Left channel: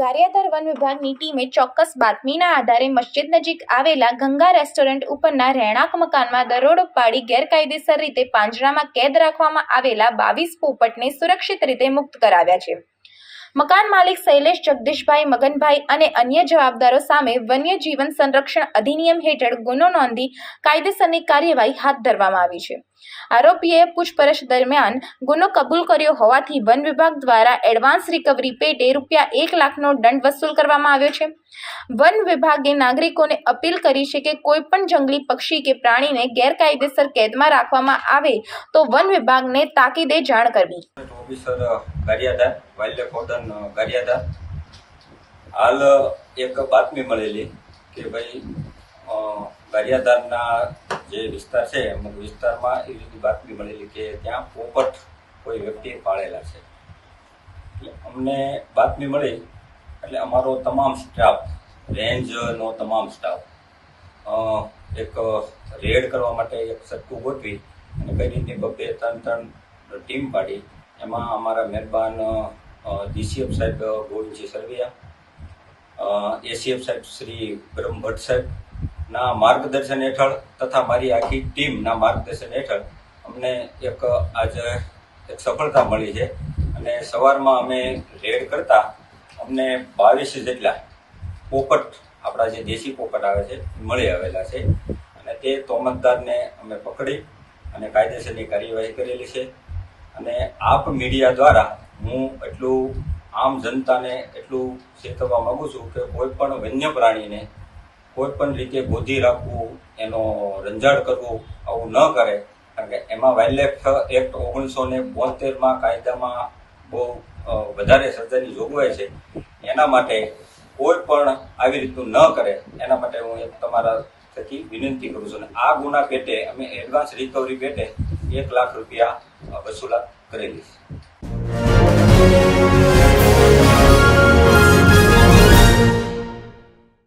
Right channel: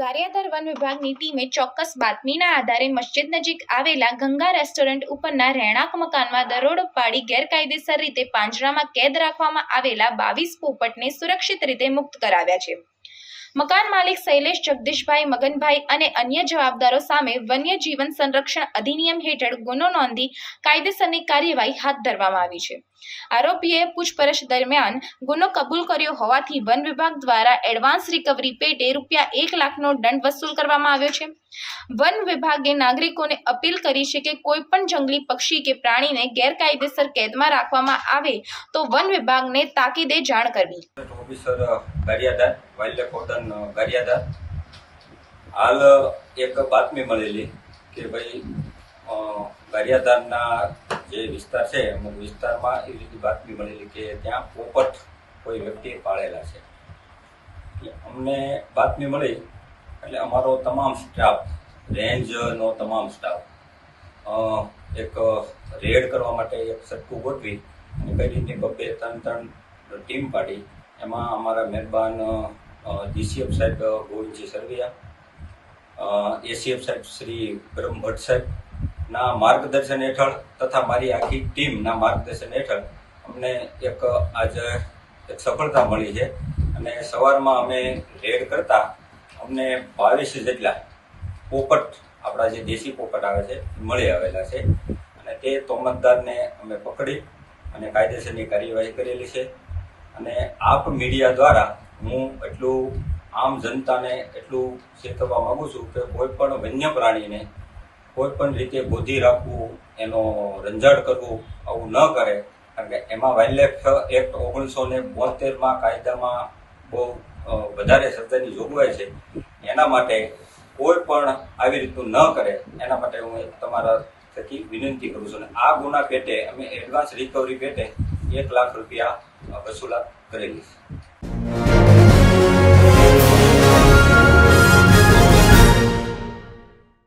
Gariadhar one વિભાગની ટીમે ચોક્કસ બાતમીના આધારે મસ્જિદ નજીક આવેલા ગંગા રેસ્ટોરન્ટ ઉપરના રહેણાંક મકાનમાં દરોડો પાડી ગેરકાયદેસર રીતે પાંજરામાં કેદ રાખવામાં આવેલા 22 પોપટને સુરક્ષિત રીતે મુક્ત કરાવ્યા છે. મકાન માલિક શૈલેષ જગદીશભાઈ મગનભાઈ અને અન્ય જવાબદારો સામે વન્ય જીવન સંરક્ષણ અધિનિયમ હેઠળ ગુનો નોંધી કાયદેસરની કાર્યવાહી હાથ ધરવામાં આવી છે. આરોપીએ પૂછપરછ દરમિયાન ગુનો કબૂલ કર્યો હોવાથી વન વિભાગ દ્વારા એડવાન્સ રિકવરી પેટે ₹1 લાખનો દંડ વસૂલ કરવામાં આવ્યો છે. વન વિભાગે નાગરિકોને અપીલ કરી છે કે કોઈ પણ જંગલી પક્ષી કે પ્રાણીને ગેરકાયદેસર કેદમાં રાખવામાં આવે તો વન વિભાગને તાકીદે જાણ કરવી. Officer Gariadhar wildlife warden Gariadhar હાલ એક બાતમી મળેલી કે ભાઈ ગારિયાધારના જે વિસ્તાર છે અમુક વિસ્તારમાં એવી રીતે બાતમી મળેલી કે ત્યાં પોપટ કોઈ વ્યક્તિએ પાળેલા છે. એટલે અમને બાતમી મળી એટલે અમારો તમામ સ્ટાફ, રેન્જનો તમામ સ્ટાફ એક રેડ કરવા માટે એક સટ્ટું ગોઠવી અને કઈ રીતે 2-3 ટીમ પાડી. એમાં અમારા મહેરબાન DCF સાહેબ ગોવિંદજી સરવૈયા, ACF સાહેબ શ્રી બ્રહ્મ ભટ્ટ સાહેબના માર્ગદર્શન હેઠળ તથા મારી આખી ટીમના માર્ગદર્શન હેઠળ અમને આજે એક સફળતા મળી છે. અને સવારમાં અમે રેડ કરતા અમને 22 જેટલા પોપટ, આપણા જે દેશી પોપટ આવે છે, મળી આવેલા છે. અને તે તોમતદારને અમે પકડી અને કાયદેસરની કાર્યવાહી કરેલી છે. અને આપ મીડિયા દ્વારા હું એટલું આમ જનતાને એટલું ચેતવવા માગું છું કે કોઈ પણ વન્ય પ્રાણીને કોઈ પણ રીતે ગોધી રાખવું, એનો રંજાડ કરવું, આવું ન કરે. કારણ કે એમાં વાઇલ્ડલાઇફ એક્ટ 1972માં કાયદામાં બહુ વધારે સજાની જોગવાઈ છે. એના માટે કોઈ પણ આવી રીતનું ન કરે એના માટે હું તમારા થકી વિનંતી કરું છું. અને આ ગુના પેટે અમે એડવાન્સ રિકવરી પેટે ₹1 લાખ વસૂલાત કરેલી છે.